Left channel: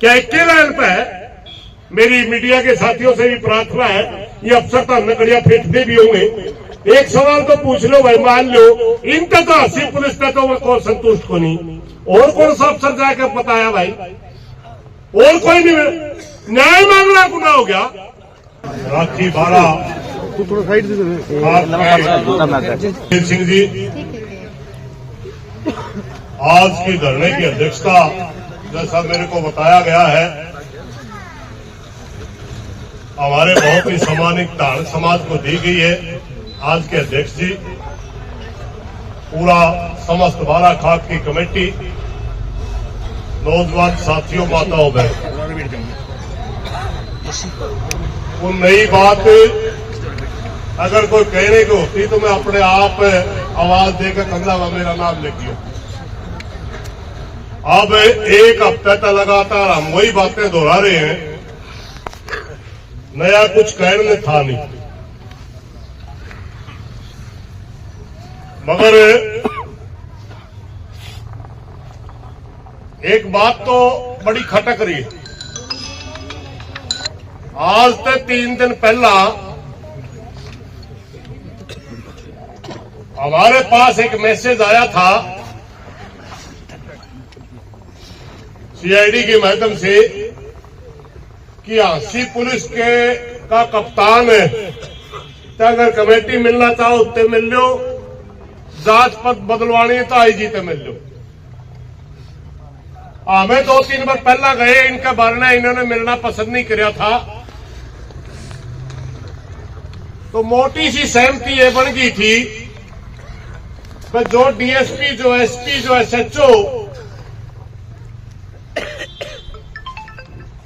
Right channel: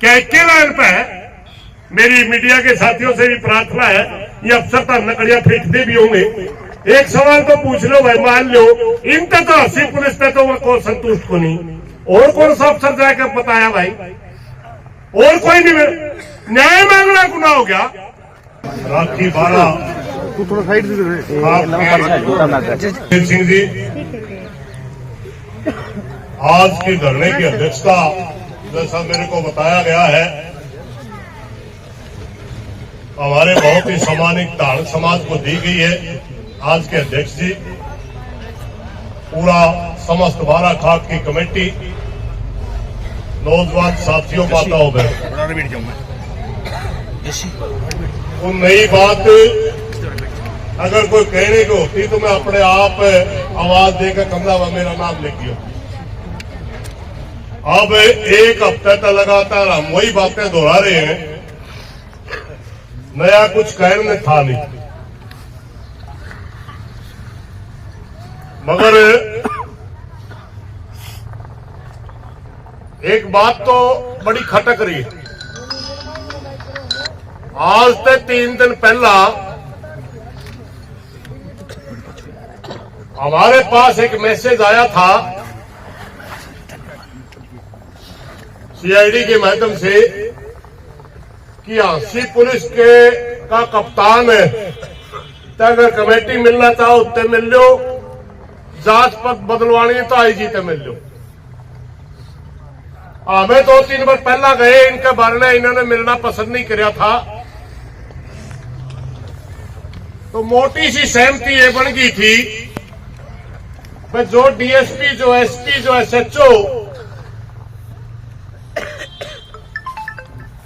क्या लाइन पे है? मेरी मीडिया के साथियों से भी प्रार्थना है, ये अफसर तो नकड़िया फेंकते भी होंगे। एक सवाल तो पूछ लो भाई, मान लो इनका तो 80 पुलिस पे तो को संतुष्ट को नहीं, और कौन सा अफसर जाकर बताया भाई? और कोई नहीं, न्याय मांगना गुनाह हो गया। राखी बारा सिंह जी, आज की धरने की अध्यक्षता जैसा मेरे को बताया गया है, हमारे बहुत ही सम्मानित धार्मिक समाज को दी गई है। आज के अध्यक्ष जी, पूरा समस्त बारा खाक की कमेटी, नौजवान साथियों, माताओं बहनों, वो नई बात अगर कोई कहने की होती तो मैं अपने आप आवाज देकर कमला व मेरा नाम लिखियो। अब एक हफ्ते तक लगातार हम वही बातें दोहरा रहे हैं, नया कुछ कहने था नहीं। मगर एक बात तो बड़ी खटक रही है। आज से 3 दिन पहला हमारे पास एक मैसेज आया था सीआईडी के माध्यम से कि हांसी पुलिस का कप्तान है, तो अगर कमेटी मिलना चाहो उत्ते मिल लो, जांच पद बदलवानी तो आईजी ते मिल लो। हमें 2-3 बार पहला गए, इनके बारे में इन्होंने मिलना पसंद नहीं किया था, तो मोटी सी सहमति ये बन गई थी कि जो डीएसपी, जो एसपी, जो एसएचओ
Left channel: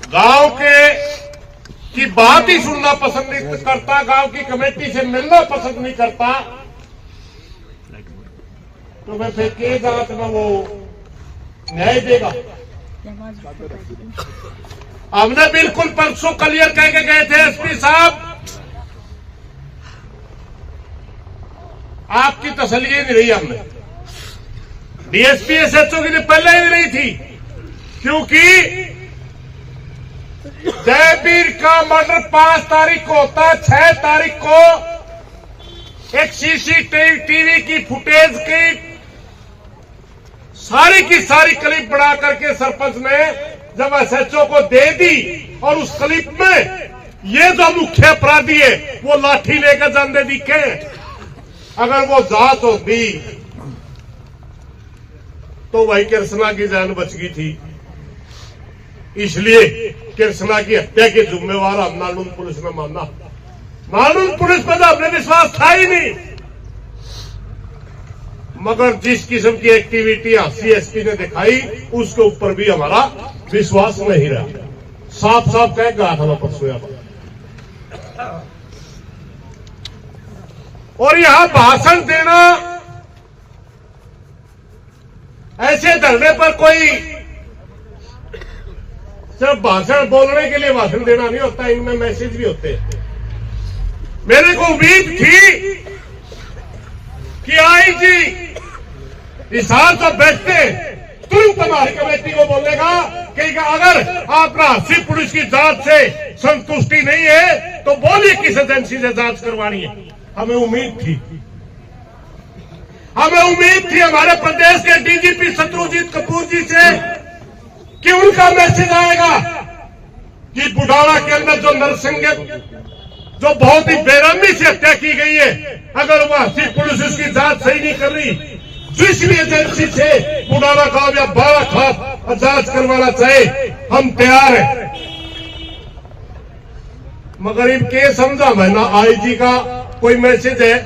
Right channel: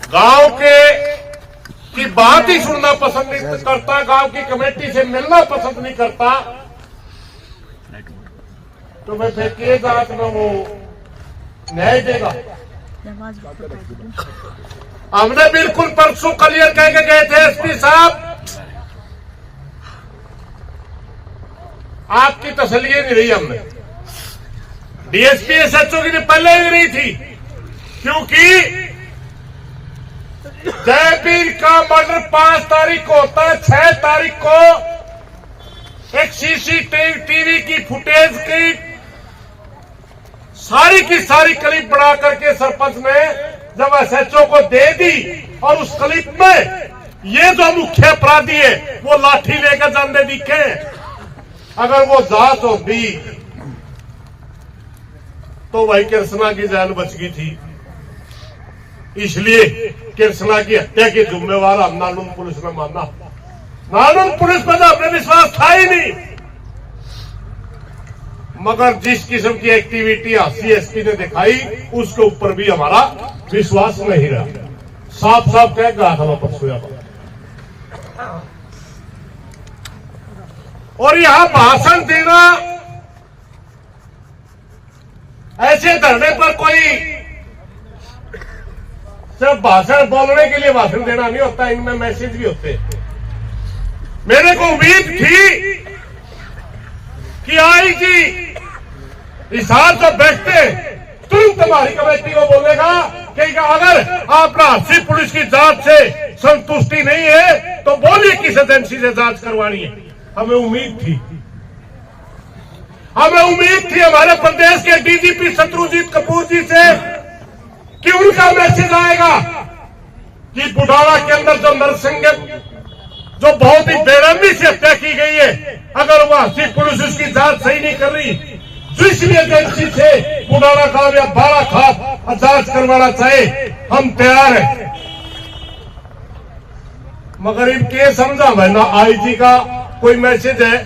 गांव की बात ही सुनना पसंद नहीं करता, गांव की कमेटी से मिलना पसंद नहीं करता, तो मैं फिर के जांच में वो न्याय देगा? हमने बिल्कुल परसों क्लियर कह के गए थे, एसपी साहब आपकी तसल्ली नहीं रही हमने, डीएसपी एसएचओ की पहले ही नहीं थी, क्योंकि जयवीर का मर्डर 5 तारीख को होता है। 6 तारीख को एक सीसीटीवी की फुटेज की सारी क्लिप बना करके सरपंच ने जब एसएचओ को दे दी, और उस क्लिप में ये जो मुख्य अपराधी है वो लाठी लेकर जाने दिखे। अगर वो जांच होती तो वही कृष्णा की जान बच गई थी। इसलिए कृष्णा की हत्या के जिम्मेवार हम नालून पुलिस ने माना। नालून पुलिस पर तो हमने विश्वास था ही नहीं, मगर जिस किस्म की एक्टिविटी सीएसपी ने दिखाई उसके ऊपर भी हमारा विश्वास नहीं रहा। साफ साफ कह गया था परसों। और यहां भाषण देना, ऐसे धरने पर कोई सिर्फ भाषण बोलने के लिए भाषण देना नहीं होता, इनमें मैसेज भी होते हैं। मेरे को उम्मीद थी कि आईजी हिसार से बैठते तुरंत हमारी कमेटी को बोलेगा कि अगर आप हांसी पुलिस की जांच से संतुष्टि नहीं है तो बोलिए किस एजेंसी से जांच करवानी है। हमें उम्मीद थी हमारे प्रदेश के डीजीपी शत्रुजीत कपूर जी से कि उनका मैसेज आएगा कि बुढ़ाना के अंदर जो नरसिंह, जो बहुत ही बेरहमी से हत्या की गई है, अगर वह हांसी पुलिस उसकी जांच सही नहीं कर रही, दूसरी एजेंसी से बुढ़ाना गांव या बारा खाप जांच करवाना चाहे, हम तैयार हैं। मगर इनके समझा भाई, ना आईजी का कोई मैसेज है,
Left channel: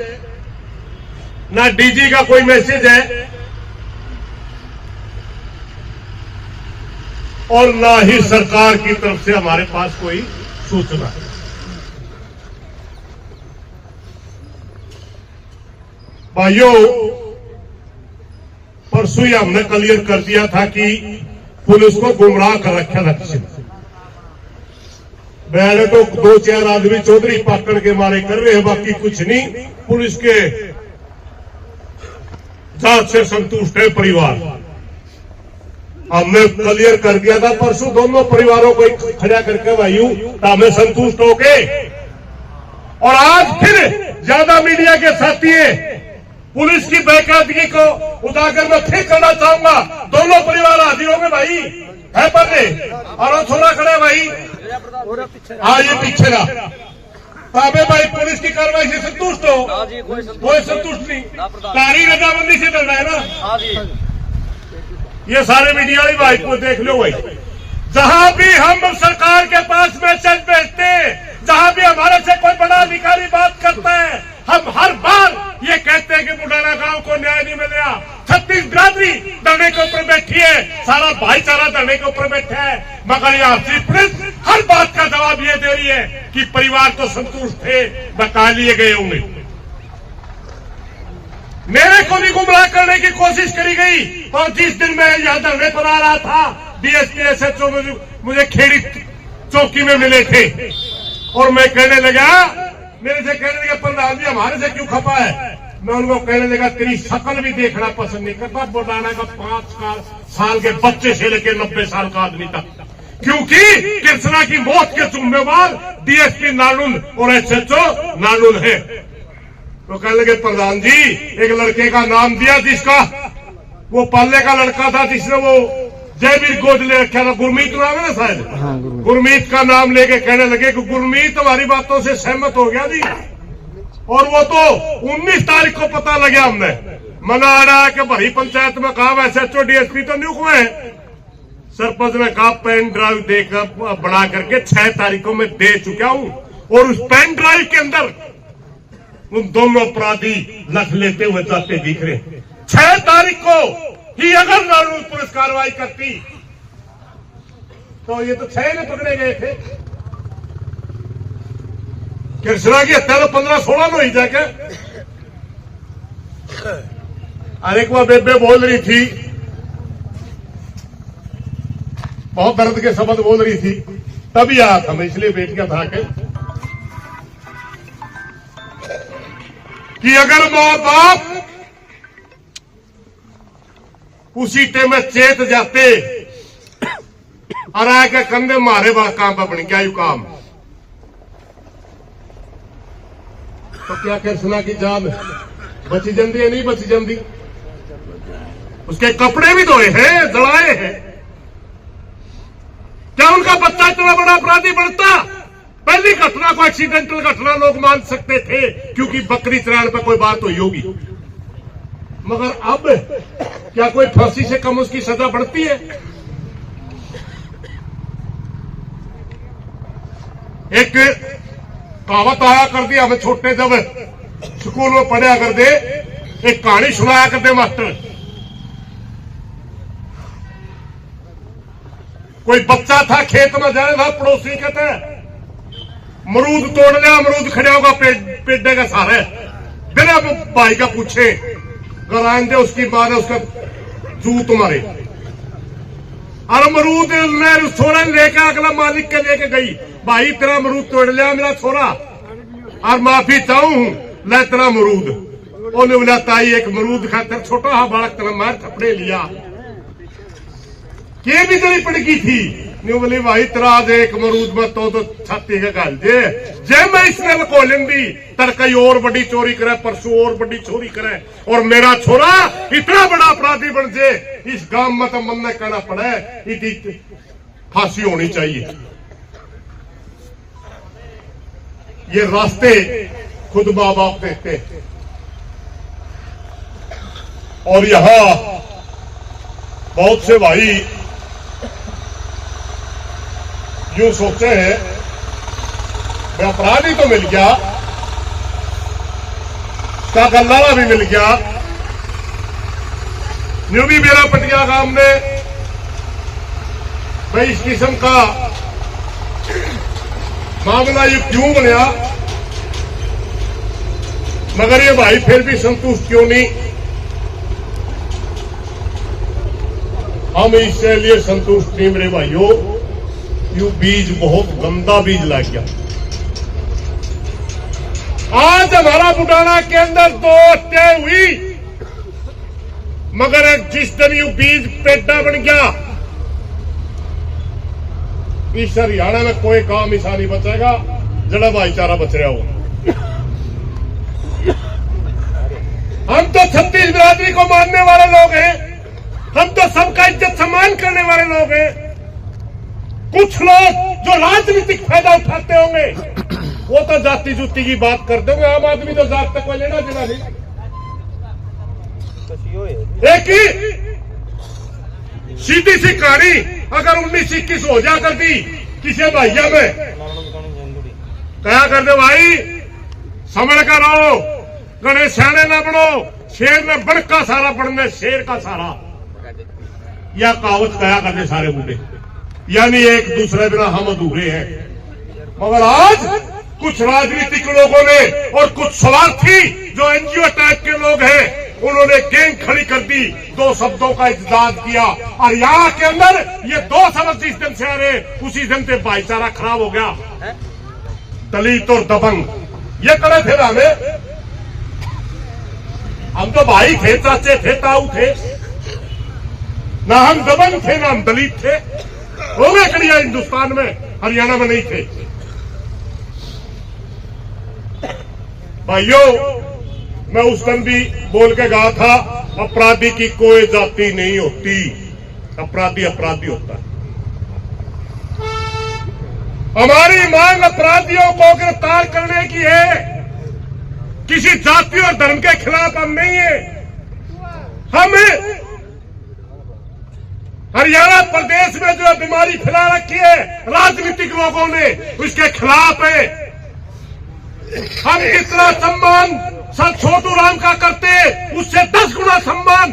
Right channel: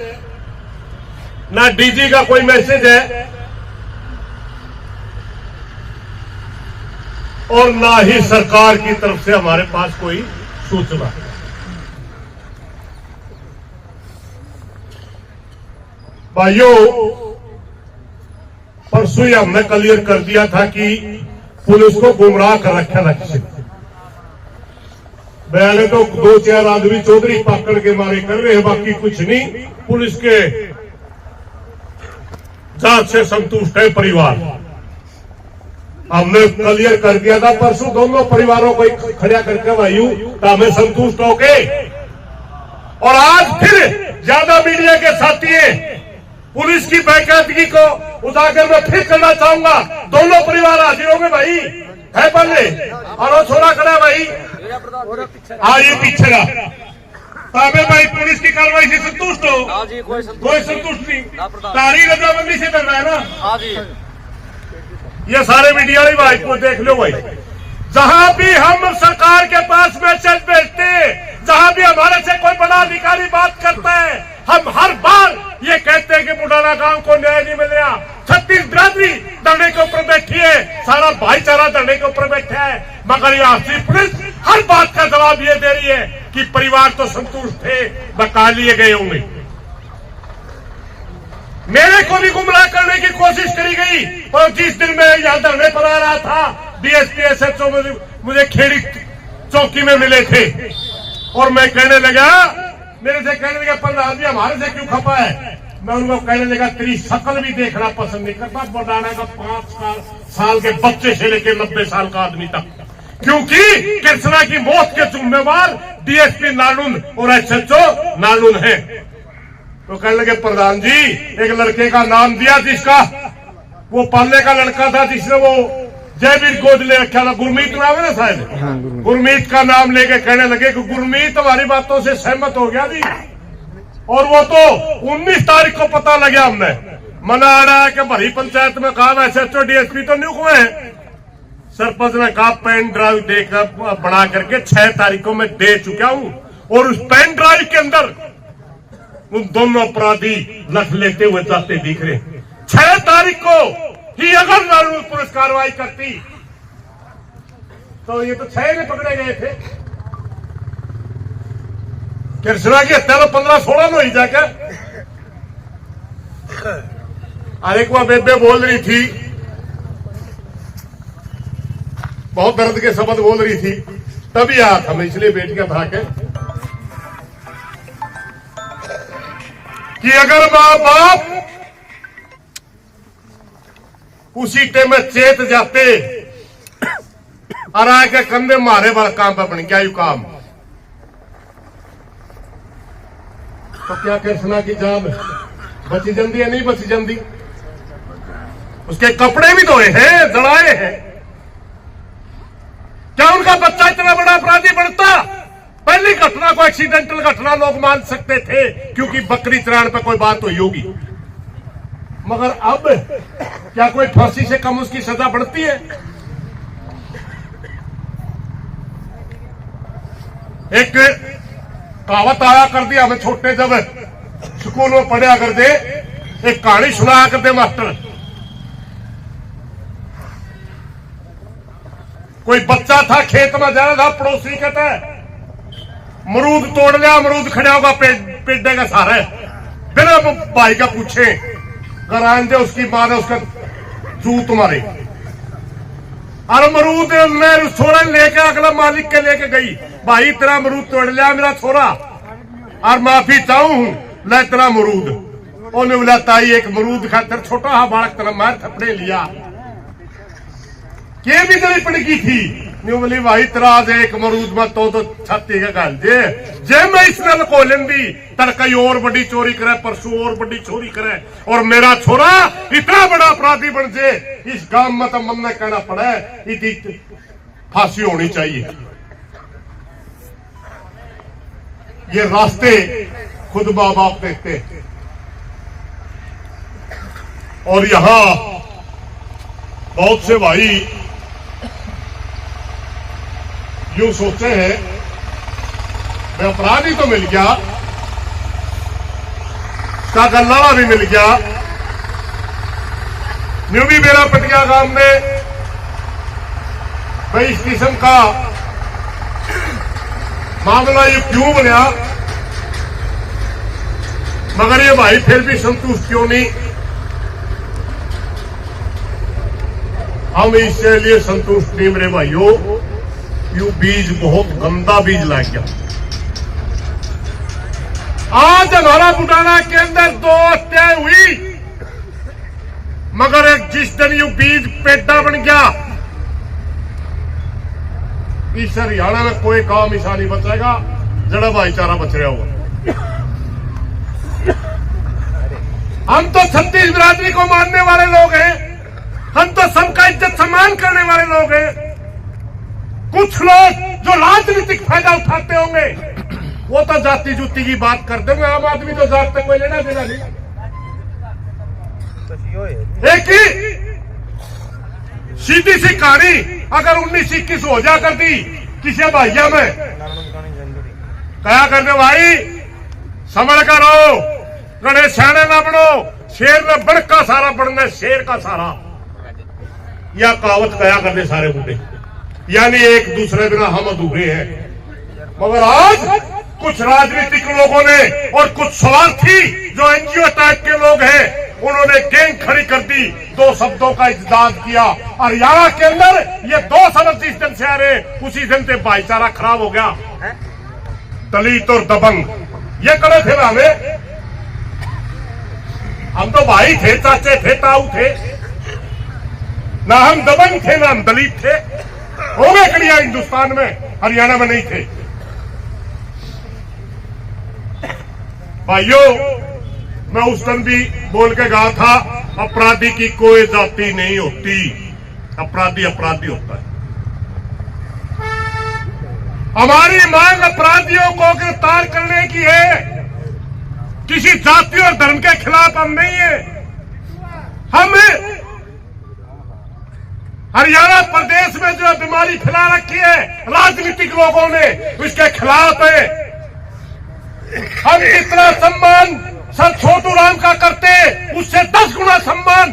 ना डीजी का कोई मैसेज है, और ना ही सरकार की तरफ से हमारे पास कोई सूचना है। भाइयों, परसों ही हमने क्लियर कर दिया था कि पुलिस को गुमराह कर रखा लक्ष्य। मैंने तो 2-4 आदमी चौधरी पकड़ के मारे कर रहे हैं, बाकी कुछ नहीं। पुलिस के जांच से संतुष्ट है परिवार। हमने क्लियर कर दिया था परसों, दोनों परिवारों को खड़ा करके वायु तो हमें संतुष्ट होके। और आज फिर ज्यादा मीडिया के साथी पुलिस की बेकायदगी को उजागर में फिर करना चाहूंगा। दोनों परिवार हाजिर हो गए भाई, है पल्ले और वो छोरा खड़ा है भाई। हाँ ये पीछे का ताबे भाई, पुलिस की कार्रवाई से संतुष्ट हो? कोई संतुष्ट नहीं, तारी रजामंदी से चल रहा है ना। ये सारे मीडिया वाले भाई को देख लो भाई, जहां भी हम सरकार के पास मैसेज भेजते, जहां भी हमारे से कोई बड़ा अधिकारी बात करता है, हम हर बार ये कहते हैं कि बुढ़ाना गांव को न्याय नहीं मिलेगा। 36 बिरादरी धरने के ऊपर बैठी है, सारा भाईचारा धरने के ऊपर बैठा है, मगर यहाँ से पुलिस हर बात का जवाब ये दे रही है कि परिवार तो संतुष्ट थे, बका लिए गए होंगे। मेरे को भी गुमराह करने की कोशिश करी गई। और जिस दिन मैं यहाँ धरने पर आ रहा था, डीएसपी एसएचओ मुझे खेड़ी चौकी में मिले थे और मैं कहने लगा, मेरे से कहने लगा प्रधान जी हमारे से क्यों खपा है। मैं उनको कहने लगा तेरी शक्ल भी देखना पसंद नहीं करता, बुढ़ाना का 5 साल के बच्चे से लेकर 90 साल का आदमी तक, क्योंकि कृष्णा की मौत के जिम्मेवार डीएसपी नालुन और एसएचओ नालुन है। तो कहने लगे प्रधान जी एक लड़के का नाम दिया जिसका वो पालने का लड़का था, जिसने वो जयवीर गोद ले रखा था, गुरमीत नाम है ना शायद। हाँ, गुरमीत का नाम लेके कहने लगे कि गुरमीत हमारी बातों से सहमत हो गया जी। और वो तो 19 तारीख को पता लगा, हमने मना आ रहा है कि भरी पंचायत में कहा एसएचओ डीएसपी तो न्यूक में है। सरपंच ने कहा पेन ड्राइव देकर बना करके 6 तारीखों में दे चुका हूं, और उस पेन ड्राइव के अंदर उन दोनों अपराधी लख लेते हुए जाते दिख रहे। 6 तारीख को ही अगर नालून पुलिस कार्रवाई करती तो ये तो 6 ने पकड़े गए थे। कृष्णा की हत्या तो 15-16 में हुई जाके। अरे एक बार बेबे बोल रही थी, बहुत दर्द के शब्द बोल रही थी, तभी आया था मैं, इसलिए बैठ के था कि अगर मां बाप उसी टाइम में चेत जाते और आके कंधे मारे वाला काम पर बन क्या यू काम, तो क्या कृष्णा की जान बची जंदी या नहीं बची जंदी। उसके कपड़े भी धोए हैं, जड़ाए हैं। क्या उनका बच्चा इतना बड़ा अपराधी बनता? पहली घटना को एक्सीडेंटल घटना लोग मान सकते थे क्योंकि बकरी चराने पर कोई बात हुई होगी, मगर अब क्या कोई फांसी से कम उसकी सजा बढ़ती है? एक कहावत आया कर दी, हमें छोटे जब स्कूल में पढ़ा कर दे, एक कहानी सुनाया कर दे मास्टर। कोई बच्चा था, खेत में जा रहा था, पड़ोसी कहता है मरूद तोड़ लिया, अमरूद खड़ा होगा पेड़े का सहारे, बिना भाई का पूछे घर आए दे, उसकी माँ ने उसका जूत मारे। और अमरूद ने छोरा लेके अगला मालिक के लेके गई, भाई तेरा अमरूद तोड़ लिया मेरा छोरा और माफी चाहूं, ले तेरा अमरूद। उन्हें बोला ताई एक मरूद खातर छोटा हा बालक तेरा मार थपड़े लिया, के भी जड़ी पड़गी थी। न्यू बोली भाई तेरा आज एक मरूद में तो छाती का गाल जे मैं इसने लको लेंदी, तड़कई और बड़ी चोरी करे, परसों और बड़ी चोरी करे, और मेरा छोरा इतना बड़ा अपराधी बन जे, इस गांव में तो मन न कहना पड़े, इतनी फांसी होनी चाहिए। ये रास्ते खुद मां बाप देखते, और यहां बहुत से भाई यूं सोचे हैं मैं अपराधी तो मिल गया, का गल्लावा भी मिल गया, न्यू भी मेरा पटिया गांव में भाई इस किस्म का मामला यू क्यों बनया, मगर ये भाई फिर भी संतुष्ट क्यों नहीं? हम इसके लिए संतुष्ट नहीं मेरे भाइयों, यू बीज बहुत गंदा बीज लग गया। आज हमारा बुढ़ाना के अंदर 2 हत्याएं हुई, मगर जिस दिन यू बीज पेड़ा बन गया, इस हरियाणा में कोई काम ऐसा नहीं बचेगा जड़ा भाईचारा बच रहा होगा। हम तो छत्तीस बिरादरी को मानने वाले लोग हैं, हम तो सबका इज्जत सम्मान करने वाले लोग हैं। कुछ लोग जो राजनीतिक फायदा उठाते होंगे वो तो जाति जुती की बात करते होंगे। आम आदमी तो जात तक कोई लेना देना नहीं। एक ही सीधी सी कहानी अगर 1921 हो जा कर दी किसी भाइया में, क्या करने भाई समझ कर रहो, गणेश सियाने ना बनो, शेर ने बड़ का सारा बढ़ना शेर का सारा, या कहावत कया करने सारे बूढ़े, यानी एक दूसरे बिना हम अधूरे हैं। मगर आज कुछ राजनीतिक लोगों ने और कुछ स्वार्थी जो एनजीओ टाइप के लोग हैं उन्होंने गैंग खड़ी कर दी, दो शब्दों का इज्तिहाद किया और यहाँ के अंदर ये दो शब्द जिस दिन से आ रहे उसी दिन से भाईचारा खराब हो गया। दलित और दबंग ये करे थे ना हम तो भाई थे, चाचे थे, ताऊ थे, ना हम दबंग थे ना हम दलित थे। हो गए कड़िया हिंदुस्तान में, हरियाणा में नहीं थे। भाइयों मैं उस दिन भी बोल के कहा था अपराधी की कोई जाति नहीं होती, अपराधी अपराधी होता है। हमारी मांग अपराधियों को गिरफ्तार करने की है, किसी जाति और धर्म के खिलाफ हम नहीं है। हम हरियाणा प्रदेश में जो बीमारी फैला रखी है राजनीतिक लोगों ने उसके खिलाफ है। हम जितना सम्मान सर छोटू राम का करते उससे 10 गुना सम्मान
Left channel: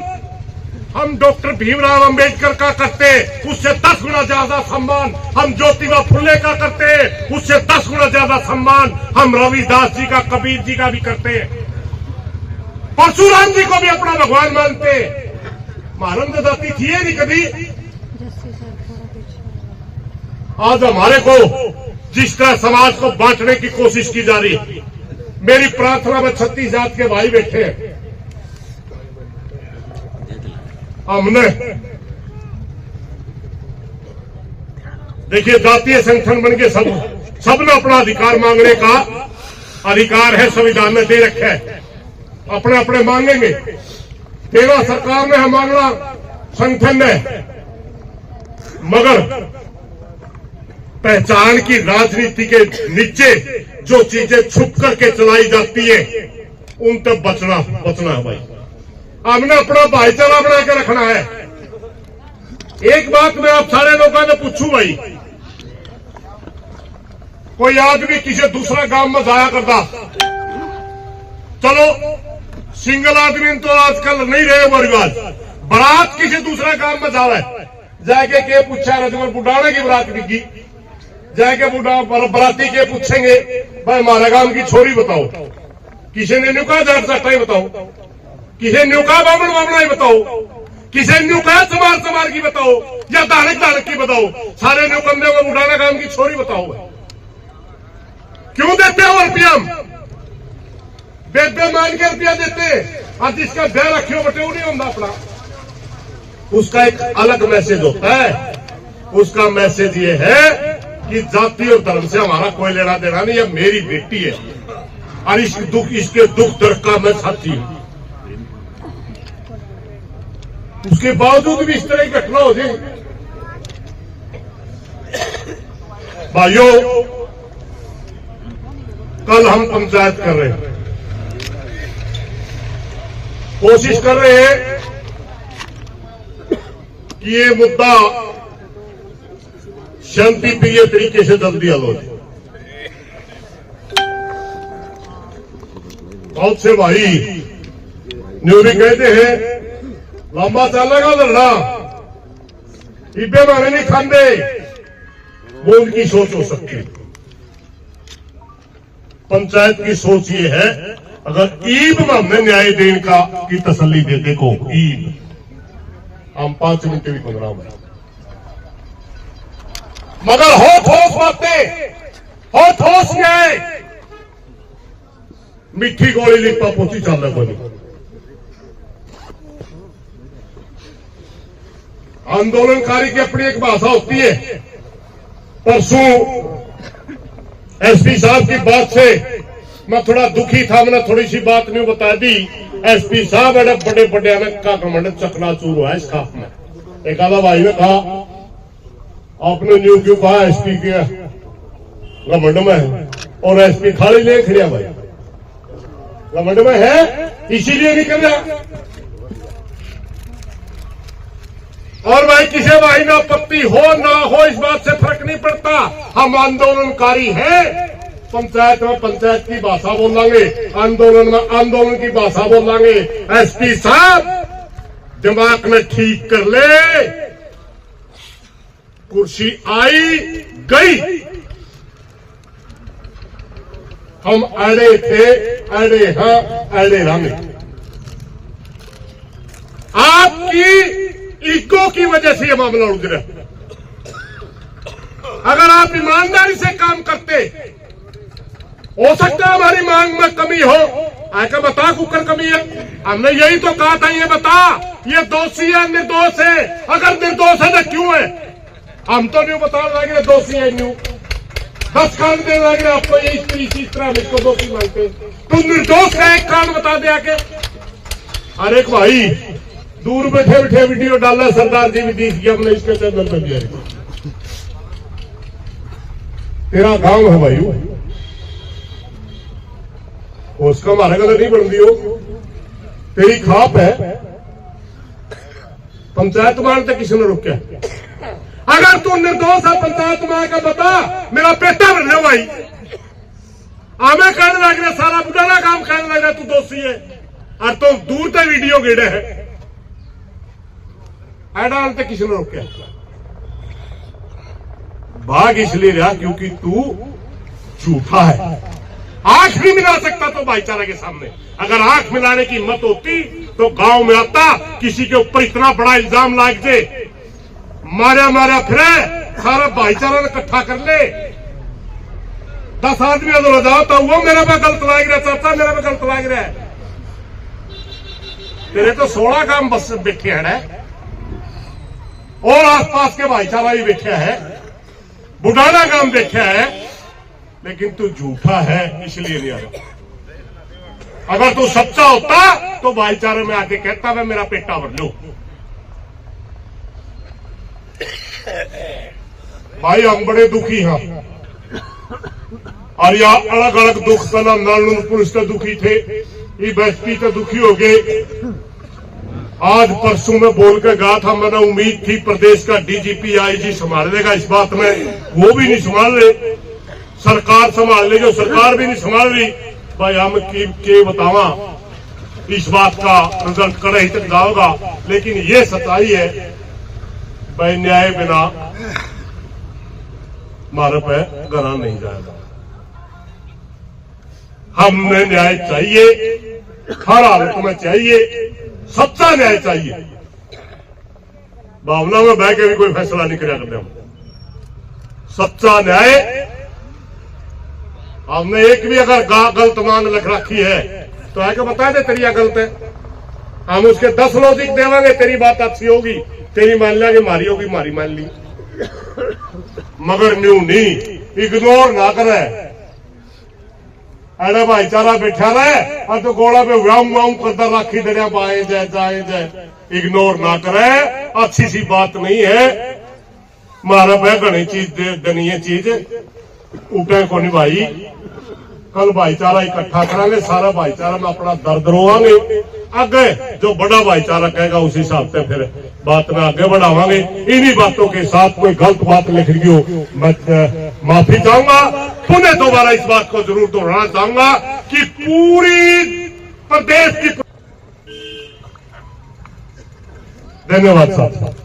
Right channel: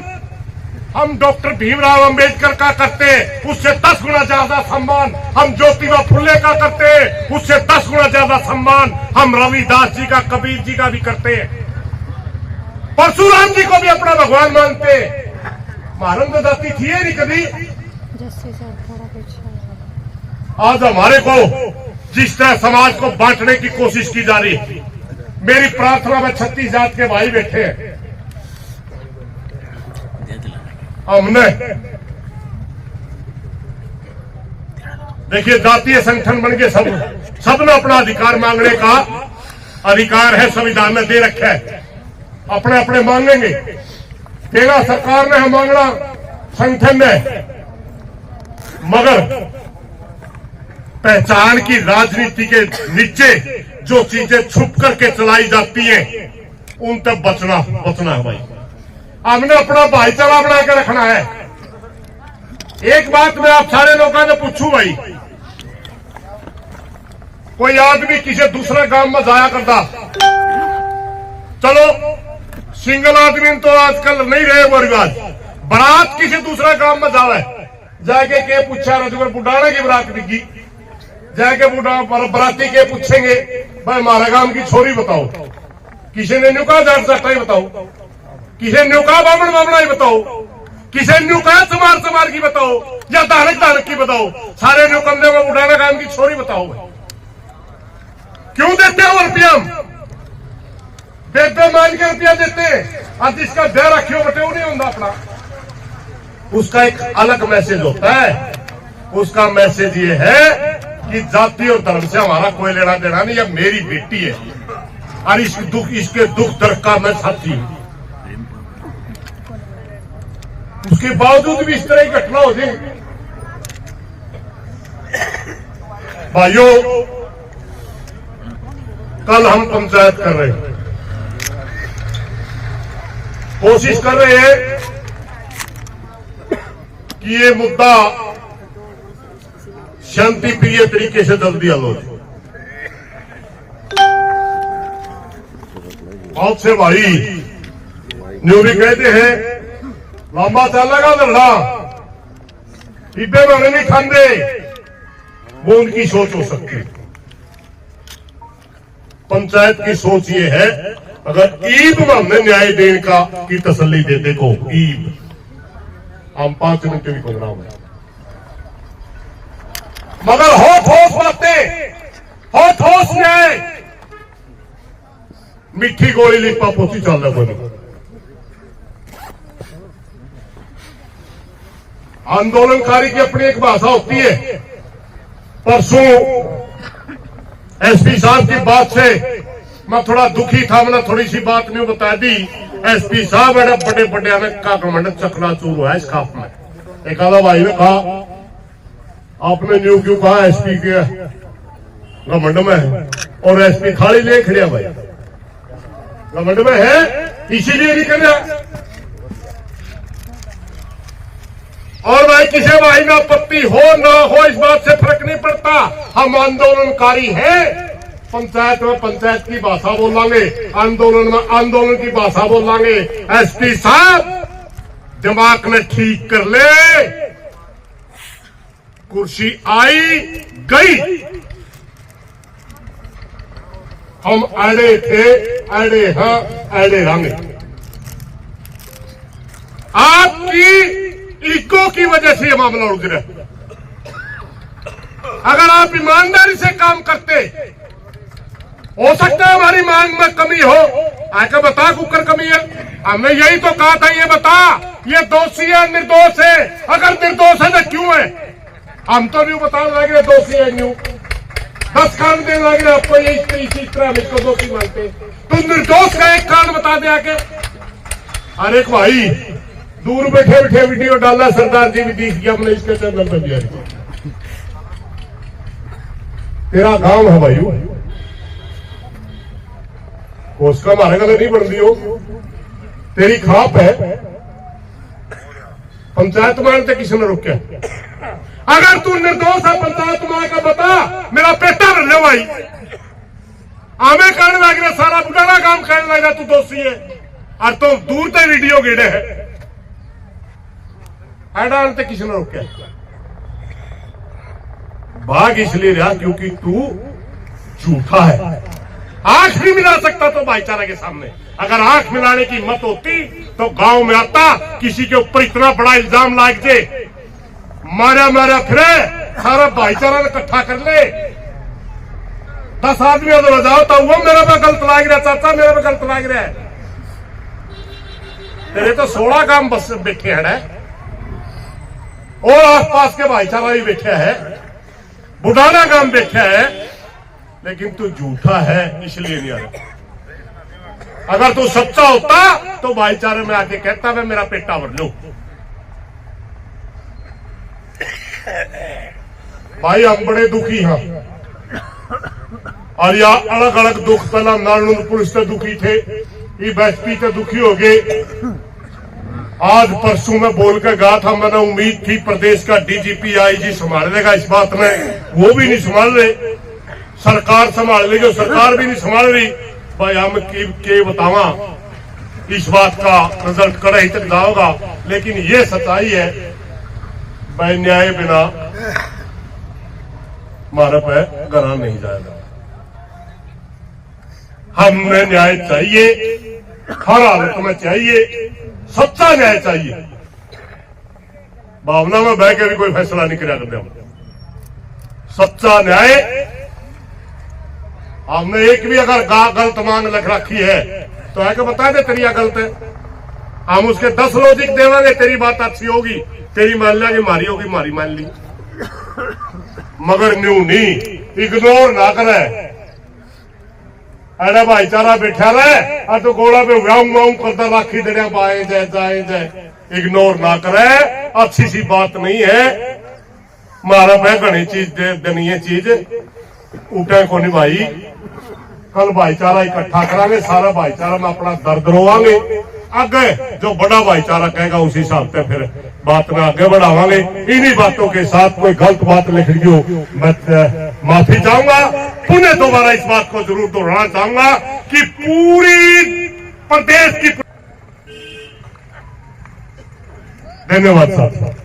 हम डॉक्टर भीमराव अंबेडकर का करते, उससे 10 गुना ज्यादा सम्मान हम ज्योतिबा फुले का करते, उससे 10 गुना ज्यादा सम्मान हम रविदास जी का, कबीर जी का भी करते, परशुराम जी को भी अपना भगवान मानते। महाराज दाती थी नहीं कभी। आज हमारे को जिस तरह समाज को बांटने की कोशिश की जा रही है, मेरी प्रार्थना में 36 जात के भाई बैठे हैं। हमने देखिए जातीय संगठन बन के सबने अपना अधिकार मांगने का अधिकार है, संविधान में दे रखा है। अपने अपने मांगेंगे, देना सरकार ने है, मांगना संगठन ने। मगर पहचान की राजनीति के नीचे जो चीजें छुप करके चलाई जाती है उन तक बचना है भाई। हमने अपना भाईचारा बना के रखना है। एक बात मैं आप सारे लोगों से पूछूं भाई, कोई आदमी किसी दूसरे गांव में जाया करता, चलो सिंगल आदमी तो आजकल नहीं रहे वो रिवाज, बारात किसी दूसरे गांव में जावे, जाके के पूछा रजगर बुढ़ाने की बारात बिकी, जाके बुढ़ा बराती के पूछेंगे भाई हमारे गांव की छोरी बताओ, किसी ने न्यू कहा जाट जाटा बताओ, किसी न्यू कहा बामण बामणा ही बताओ, किसी न्यू कहा चमार चमार की बताओ, या दानक दानक की बताओ, सारे न्यू कंधे में बुढ़ाना गांव की छोरी बताओ। क्यों देते हो रुपया? बेबे मान के रुपया देते, आज जिसका ब्याह रखियो बटे वो नहीं होता अपना, उसका एक अलग मैसेज होता है। उसका मैसेज ये है कि जाति और धर्म से हमारा कोई लेना देना नहीं, यह मेरी बेटी है और इसके दुख दर्द का मैं साथी हूं। उसके बावजूद भी इस तरह की घटना हो जाए। भाइयों कल हम पंचायत कर रहे हैं, कोशिश कर रहे हैं कि ये मुद्दा शांति प्रिय तरीके से जल्दी हल हो जाए। बहुत से भाई न्यूरी कहते हैं लंबा चलेगा लड़ना, डिब्बे में नहीं खाते, वो उनकी सोच हो सकती है। पंचायत की सोच ये है अगर ईद में हमने न्याय देने का की तसल्ली देते को ईद हम 5 मिनट भी 15 मिनट, मगर हो ठोस बातें, हो ठोस न्याय, मिठी गोली लिपा पोती चल रहा बोलो। आंदोलनकारी की अपनी एक भाषा होती है, परसों एसपी साहब की बात से मैं थोड़ा दुखी था, मैंने थोड़ी सी बात नहीं बता दी। एसपी साहब बड़े बड़े ने का घमंड चकनाचूर हुआ है इस खाप में। एक आधा भाई ने कहा आपने न्यू क्यों कहा एसपी के घमंड में है, और एसपी थाली ले खड़िया भाई घमंड में है इसीलिए नहीं कर रहा। और भाई किसी भाई में आपत्ति हो ना हो इस बात से फर्क नहीं पड़ता, हम आंदोलनकारी हैं। पंचायत में पंचायत की भाषा बोलेंगे, आंदोलन में आंदोलन की भाषा बोलेंगे। एसपी साहब दिमाग में ठीक कर ले, कुर्सी आई गई, हम अड़े थे अड़े हाँ अड़े रहेंगे। आपकी ईगो की वजह से यह मामला उड़ गिरा। अगर आप ईमानदारी से काम करते, हो सकता है हमारी मांग में कमी हो, आकर बता कुकर कमी है। हमने यही तो कहा था, ये बता ये दोषी है निर्दोष है, अगर निर्दोष है तो क्यों है। हम तो नहीं बता लगे दोषी है न्यू 10 कारण देने लगे आपको, ये इसी तरह इसको दोषी मानते। तुम निर्दोष का एक कारण बता दे आके। अरे भाई दूर बैठे बैठे वीडियो डाला, सरदार जी भी दिख गया, हमने इसके चैनल पर दिया। तेरा गांव है भाई, उसका हमारे गलत नहीं बन दी हो, तेरी खाप है। पंचायत मानते किसी ने रोका? अगर तू निर्दोष है पंचायत मान का बता, मेरा पेटा भरने भाई आमे कहने लग रहा, सारा बुढ़ा काम कहने लग रहा तू दोषी है, और तो दूर तक वीडियो गिड़े है। ऐडानते किसी ने रोका? भाग इसलिए रहा क्योंकि तू झूठा है। आंख नहीं मिला सकता तो भाईचारा के सामने, अगर आंख मिलाने की हिम्मत होती तो गांव में आता, किसी के ऊपर इतना बड़ा इल्जाम लाग जाए, मारा मारा फिरे, सारा भाईचारा इकट्ठा कर ले, 10 आदमी अगर जाओ तो वो मेरा पे गलत लाग रहा, चाचा मेरा पे गलत लाग रहा है। तेरे तो 16 काम बस बैठे हैं और आसपास के भाईचारा भी बैठे है, बुढ़ाना काम बैठे है, लेकिन तू झूठा है इसलिए नहीं आ रहा। अगर तू सच्चा होता तो भाईचारे में आके कहता मैं मेरा पेटा भर लो। भाई हम बड़े दुखी हैं, और या अलग अलग दुख, पहला नालून पुलिस से दुखी थे, ये एसपी से दुखी हो गए। आज परसों में बोल के गया था, मैंने उम्मीद थी प्रदेश का डीजीपी आईजी संभाल लेगा इस बात में, वो भी नहीं संभाल रहे। सरकार संभाल लेगी, सरकार भी नहीं संभाल रही। भाई हम के बतावा इस बात का रिजल्ट कड़ाई तक जाओगा, लेकिन ये सच्चाई है भाई, न्याय बिना हमारे पे घरा नहीं जाएगा। हमने न्याय चाहिए, हर हालत में चाहिए, सच्चा न्याय चाहिए। भावना में बह के भी कोई फैसला नहीं करा करते हम, सच्चा न्याय। हमने एक भी अगर गलत मान लिख रखी है तो आके बता दे तेरी गलत है, हम उसके 10 लॉजिक देवांगे, तेरी बात अच्छी होगी तेरी मान लेंगे, मारी होगी मारी मान ली, मगर न्यू नहीं, इग्नोर ना करे। अरे भाईचारा बैठा रहे और तो गोला पे व्याऊं व्याऊं करता राखी दड़िया बाए जाए जाए जाए, इग्नोर ना करे, अच्छी सी बात नहीं है। मारा पे घनी चीज देनी है, चीज उठे को नहीं भाई। कल भाईचारा इकट्ठा करांगे, सारा भाईचारा में अपना दर्द रोवांगे, आगे जो बड़ा भाईचारा कहेगा उसी हिसाब से फिर बात में आगे बढ़ावांगे। इन्हीं बातों के साथ कोई गलत बात लिख ली हो मैं माफी चाहूंगा। पुनः दोबारा इस बात को जरूर दोहराना चाहूंगा कि पूरी प्रदेश की। धन्यवाद साहब।